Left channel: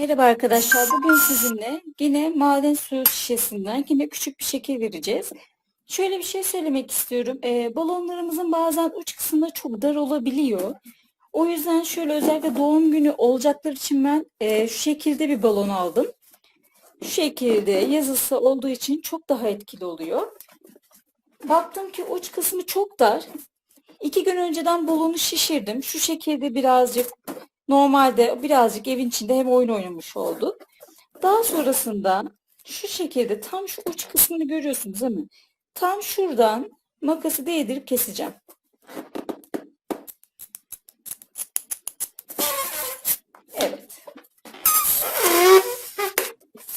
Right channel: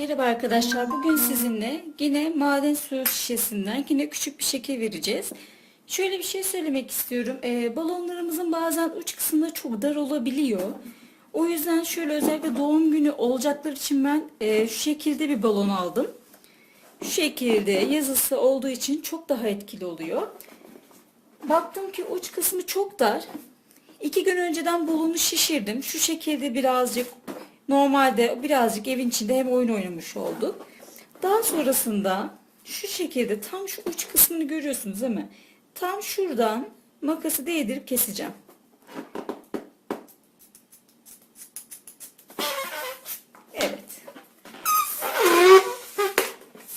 Merhaba arkadaşlar. Bugün sizinle yine maden suyu şişesinden yine küçük bir şekil vereceğiz. Şöyle bir şey söylemek istiyorum. Ee, balonlarımızın bazen uç kısmında çok dar olabiliyor. O yüzden şöyle özellikle doğum günü olacaklar için ben e, şu şekilde bir balon aldım. Şu şekilde yazısı olduğu için çok daha etkili oluyor. Baktım ki uç kısmı çok dar. İki gün önceden balonu şişirdim. Şu şekilde birazcık normalde birazcık evin içinde hem oyun oynamış olduk. Daha sonrasında şu şekilde tam şu uç kısmını görüyorsunuz değil mi? Tam şuradan makası değdirip keseceğim. Evet.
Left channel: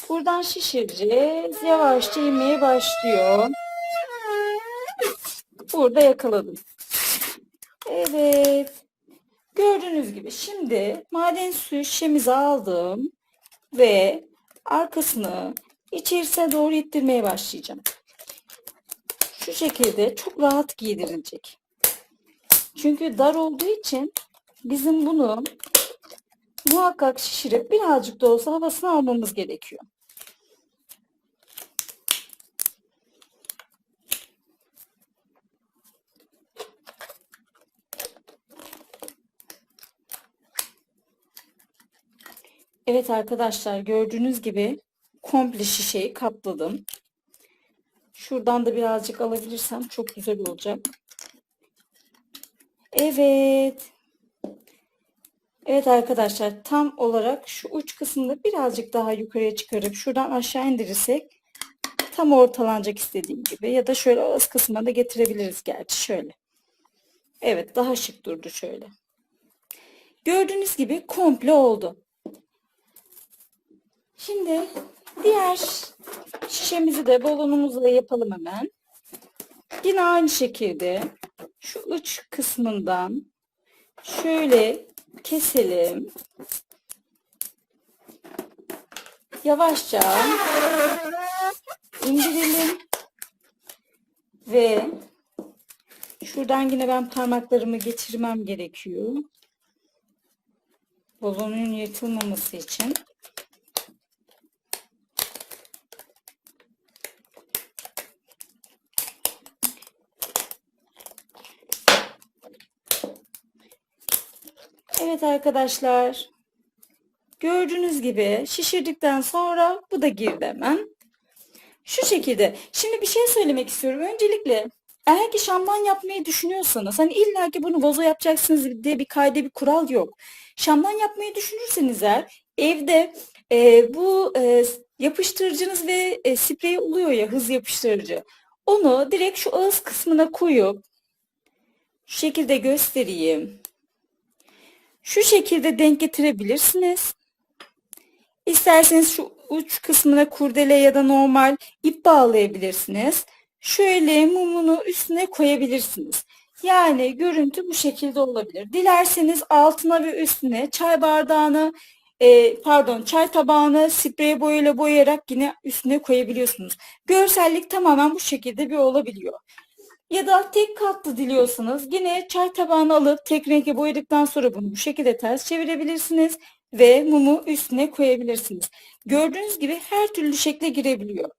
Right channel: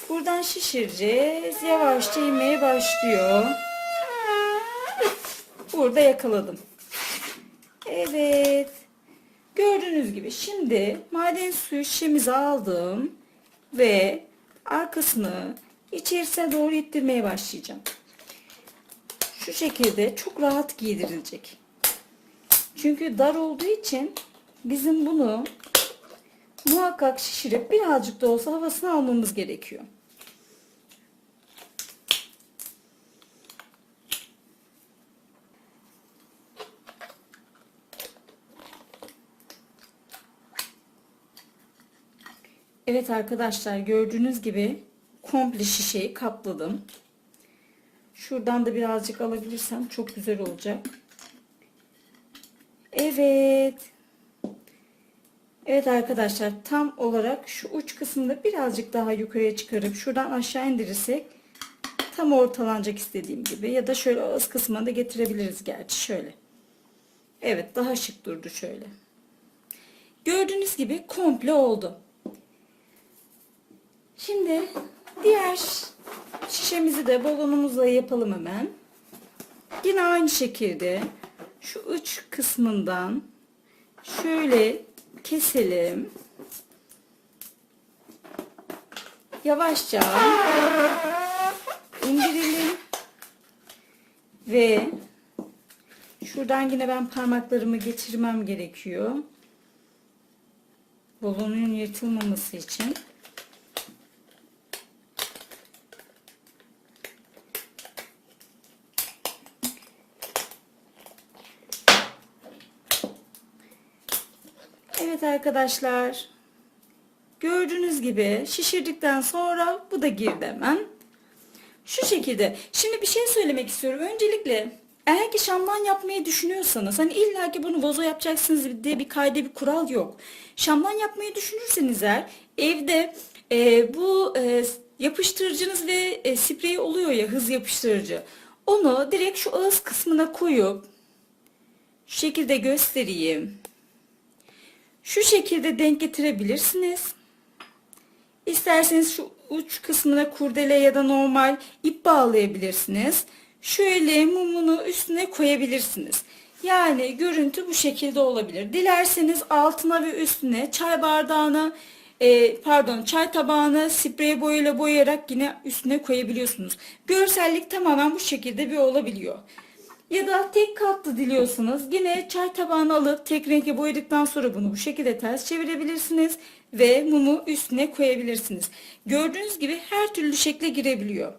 Buradan şişireceğiz. Yavaşça inmeye başlıyor. Burada yakaladım. Evet. Gördüğünüz gibi şimdi maden suyu şişemizi aldım ve arkasını içerisine doğru ittirmeye başlayacağım. Şu şekilde çok rahat giydirilecek. Çünkü dar olduğu için bizim bunu muhakkak şişirip birazcık da olsa havasını almamız gerekiyor. Evet arkadaşlar gördüğünüz gibi komple şişeyi kapladım. Şuradan da birazcık alabilirsem çok güzel olacak. Evet. Evet arkadaşlar tam olarak şu uç kısmını birazcık daha yukarıya çıkarıp şuradan aşağı indirirsek tam ortalanacak istediğim gibi ya da şöyle ağız kısmına da getirebiliriz gerçi şöyle. Evet daha şık durdu şöyle. Gördüğünüz gibi komple oldu. Şimdi diğer şişemizi de balonumuzla yapalım hemen. Yine aynı şekilde şu uç kısmından şöyle keselim. Yavaşça indirelim. Ve şuradan yine ben parmaklarımı geçirmem gerekiyor. Balonun yırtılmaması için. Evet arkadaşlar. Gördüğünüz gibi şişirdikten sonra bu da girdi hemen. Şu şekilde. Şimdi bir şey söylemek istiyorum. Öncelikle eğer ki şamdan yapmayı düşünüyorsanız hani illa ki bunu vazo yapacaksınız diye bir kayda bir kural yok. Şamdan yapmayı düşünürseniz eğer evde e, bu e, yapıştırıcınız ve e, sprey oluyor ya hız yapıştırıcı. Onu direkt şu ağız kısmına koyup şu şekilde göstereyim. Şu şekilde denk getirebilirsiniz. İsterseniz şu uç kısmına kurdele ya da normal ip bağlayabilirsiniz. Şöyle mumunu üstüne koyabilirsiniz. Yani görüntü bu şekilde olabilir. Dilerseniz altına ve üstüne çay bardağını e, pardon çay tabağını sprey boyayla boyayarak yine üstüne koyabiliyorsunuz. Görsellik tamamen bu şekilde bir olabiliyor. Ya da tek katlı diliyorsunuz. Yine çay tabağını alıp tek renkle boyadıktan sonra bunu bu şekilde ters çevirebilirsiniz. Ve mumu üstüne koyabilirsiniz. Gördüğünüz gibi her türlü şekle girebiliyor.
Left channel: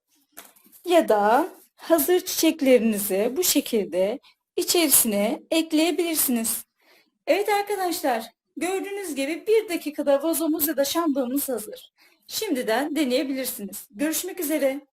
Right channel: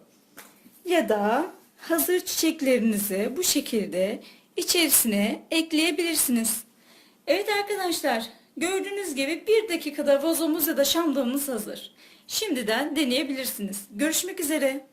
Ya da hazır çiçeklerinizi bu şekilde içerisine ekleyebilirsiniz. Evet arkadaşlar gördüğünüz gibi bir dakikada vazomuz ya da şamdanımız hazır. Şimdiden deneyebilirsiniz. Görüşmek üzere.